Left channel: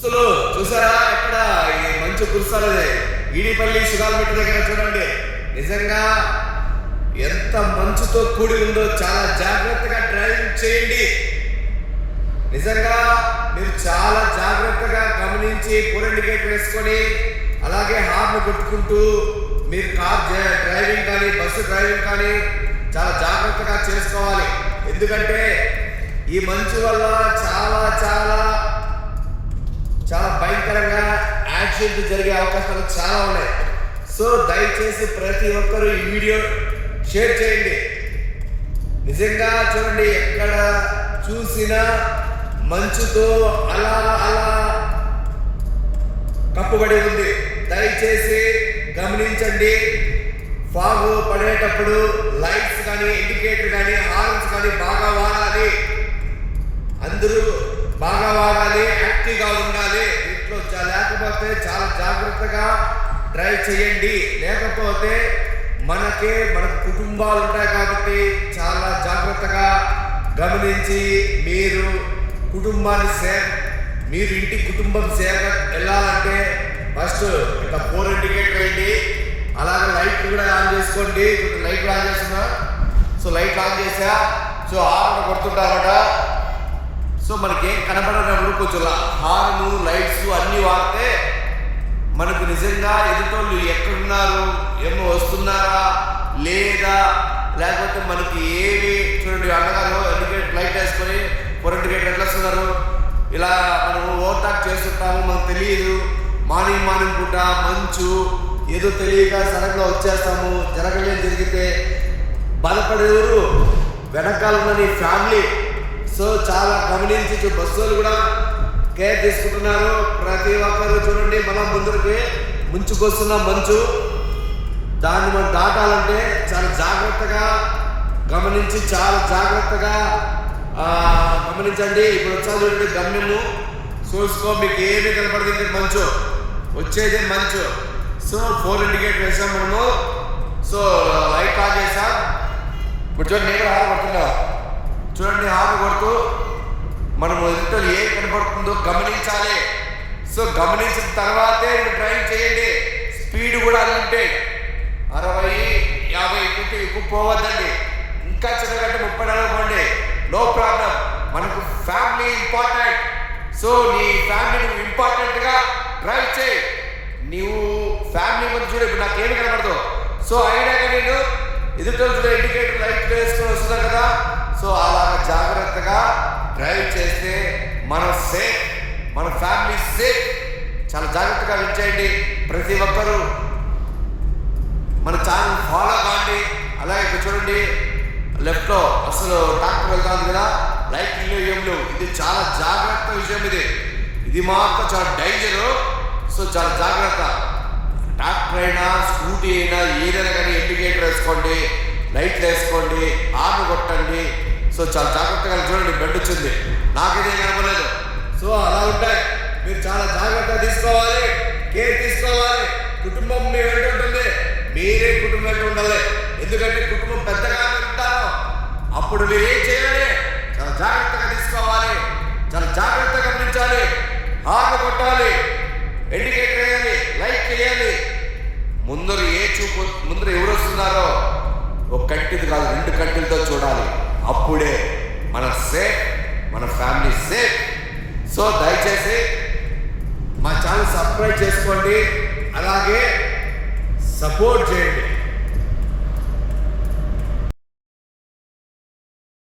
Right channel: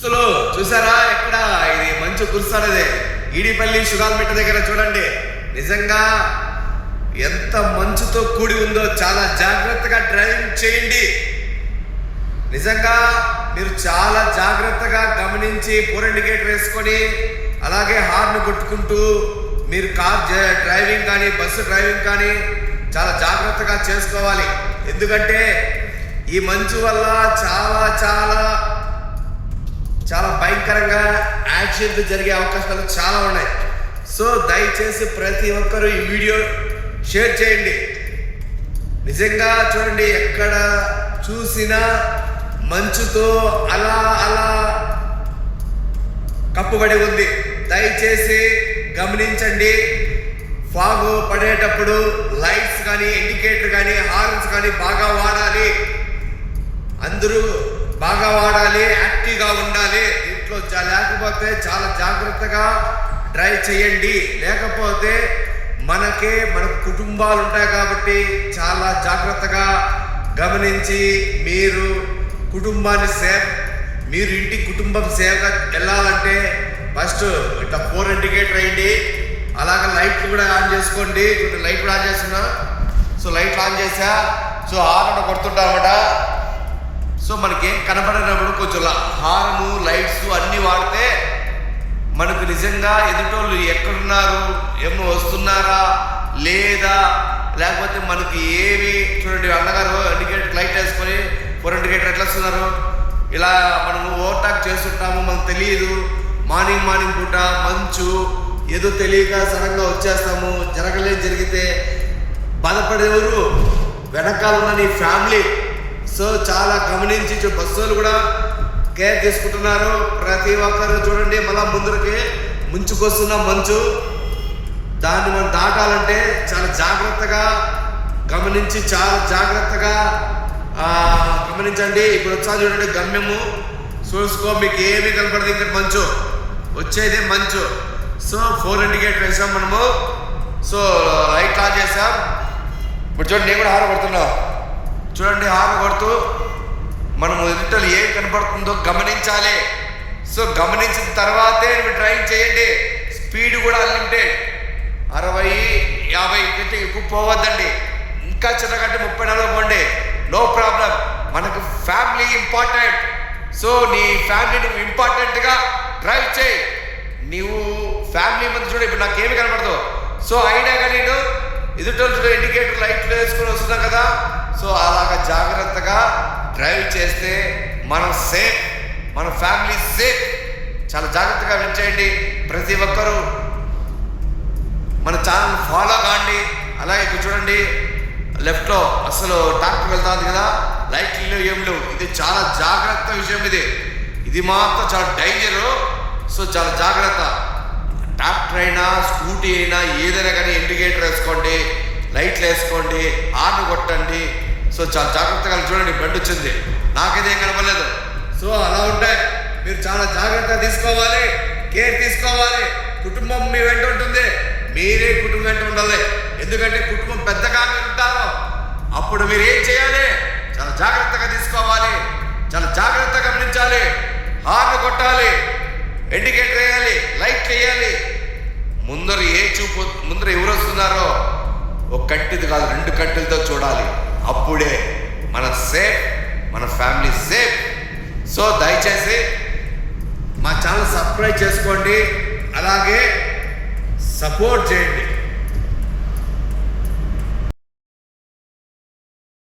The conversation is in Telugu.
అసలు చూసారా ఎక్కడ ఇది మంచు కురుస్తానదే ఈడిపల్లి షుగాల్మిట్ట దగ్గర చూడండి. నిజంగా ఎంత మంచుతో కూడి ఉందో. చాలా జాగ్రత్తగా డ్రైవింగ్ చేయండి. నిజంగా మీరు చాలా జాగ్రత్తగా గమనించి పూర్ ఇండికేటర్ వేసుకొని అలాగే హార్న్ కొట్టుకుంటూ మీరు కార్ డ్రైవింగ్ కానీ బస్సు డ్రైవింగ్ కానీ చాలా జాగ్రత్తగా చేసుకోవాలి. ఎందుకంటే ఈ మంచు వల్ల చాలా చాలా చాలా భయంకరంగా యాక్సిడెంట్ జరిగే అవకాశాలు చాలా ఉన్నాయి. సో దయచేసి ప్రతి ఒక్కరూ ఈ వీడియో షేర్ చేయండి. నిజంగా చూడండి ఎక్కడ చూసినా మంచుతో అలా అలా కప్పుబడి ఉంది. దయచేసి గమనించండి. ఫాగు పడేటప్పుడు లైట్స్ కానీ ఇండికేటర్ కానీ హార్న్స్ కానీ బాగా వాడాలి. అందరూ బాగా వాడాలి, యాక్టివ్గా ఉండాలి. ఇంట్లో లేకపోతే చాలా జాగ్రత్తగా డ్రైవ్ చేయండి. లేకపోతే మనకు కుటుంబాలు ఉంటాయి కాబట్టి చాలా జాగ్రత్తగా గమనించి మీరు కుటుంబాన్ని మీరు ఇంటి కుటుంబం సేవగా వెళ్ళాలంటే ఫస్ట్ ఇట్లా ఫోర్ ఇండికేటర్ వేయండి. అలాగే లైట్ కూడా ఆన్ చేసుకోండి. లైట్ కూడా ఆన్ చేస్తున్నా. సో లైట్ ఆన్ చేసా. సో హార్న్ కొడుతుంటా అనమాట. సో మనకేం కనపడినప్పుడు కొంచెం హార్ను లైట్స్ అన్నీ వాడితే మనకు నిజంగా ఎదుటోళ్ళు ఎక్కడున్నారు, ఏమో వస్తున్నారా లేదా, లేకపోతే మనకి ఏమి చూడండి అన్నగారు ఇండికేటర్ లైట్ వేసుకొని ఫోర్ ఇండికేటర్ ఎట్లా వస్తున్నారు. ఇలా మనము ఓవర్టాక్ చేస్తుంటాము, మనకు తెలియదు. మార్నింగ్ పూట మంచు ఏదో తెలియక సడన్గా వచ్చేస్తాము. జరిగితే బాధపడేవారు వెనకాల ఉన్న నీ ఫ్యామిలీ. సో చాలా గమనించి బస్సులు కూడా కేర్ తీసుకుంటున్నారు. ప్రతి ఒక్కరు చూడండి మళ్ళా ముందరికి ముంచుకొస్తున్న మంచు, దాన్ని మనం దాటాలంటే చాలా జాగ్రత్తగా గమనించి చాలా జాగ్రత్తగా గమనించండి. ఇప్పుడు వచ్చా చూడండి గమ్యము చూసుకో, మీకు ఏమీ కనపడదు. ఇంకా మంచు వచ్చేదే మంచు. సో ఫోర్ ఇండికేటర్ వేసాం మనము. సో లైట్ ఆన్ చేసాం. ఇప్పుడు చూడండి నేను కూడా హార్న్ కొడుతున్నా. చూడండి హార్న్ కొడుతూ మనము ఎదుటలు ఏం కనపడుతుందో గమనించాలి. సో గమనించిన తర్వాతే మీరు డ్రైవింగ్ చేయండి. స్పీడ్ కూడా అన్లిమిటెడ్ 60-50 కంటే ఎక్కువ పోవద్దండి. ఇంకా చిన్నగంటే 30-40 పోండి, నో ప్రాబ్లం. మనకు ఫ్యామిలీ ఇంపార్టెంట్. సో నీ ఫ్యామిలీ నువ్వు ఇంపార్టెంట్గా డ్రైవ్ చేయి. నువ్వు ఫ్యామిలీ ముందు చూడు. ఇప్పుడు నాకేమి కనపడదు. సో అయినా కానీ నేను ఎదుటోళ్ళు చూడ ఇండికేటర్ లైట్లు వేసుకొని వస్తున్నాం కదా. సో అలాగా జాగ్రత్తగా డ్రైవ్ చేస్తే మనం సేఫ్, మన ఫ్యామిలీ సేఫ్. చాలా జాగ్రత్తగా వించేయండి. ప్రతి ఒక్కరూ మన ఛానల్ ఫాలో కాండి. అలాగే ఇక్కడ చూడండి లెఫ్ట్లో అసలు ట్రాక్టర్ వెళ్తా ఉంది కదా, లైట్లు ఏం లేవు. ఇది చాలా జాగ్రత్త విషయం. ఇది మాత్రం చాలా డేంజరు. సో చాలా జాగ్రత్త. ట్రాక్టర్ అయినా స్కూటీ అయినా ఏదైనా కానీ ఇండికేటర్ వేసుకోండి, లైట్లు వేసుకోండి, హార్న్ కొట్టండి. సో చాలా జాగ్రత్తగా చూడండి. బండి వచ్చింది, నాకైతే ఏం కనపడలేదు. సో అలా ఉంటాయి. మీరు చాలా జాగ్రత్త తీసుకోవాలి, కేర్ తీసుకోవాలి. కుటుంబం మీ వెంట ఉంటుంది, మీరే కుటుంబం వెంట ఉండాలి. ఎందుకంటే కుటుంబం పెద్దగా మీరు ఉంటారు. అప్పుడు మీరు ఏం చేయాలి, చాలా జాగ్రత్తగా తీసుకోవాలి, చాలా జాగ్రత్తగా గమనించాలి. హార్న్ కొట్టాలి, ఇండికేటర్ వేయాలి, లైట్ వేయాలి. ముందర ఎవరు వస్తున్నారో ఒక కంటిది కాదు 2 కంటిలతో చూడాలి. అప్పుడే మన సేఫ్, మన ఫ్యామిలీ సేఫ్. సో దయచేసి మా ఛానల్ సబ్స్క్రైబ్ చేసుకోండి, అలాగే సపోర్ట్ చేయండి.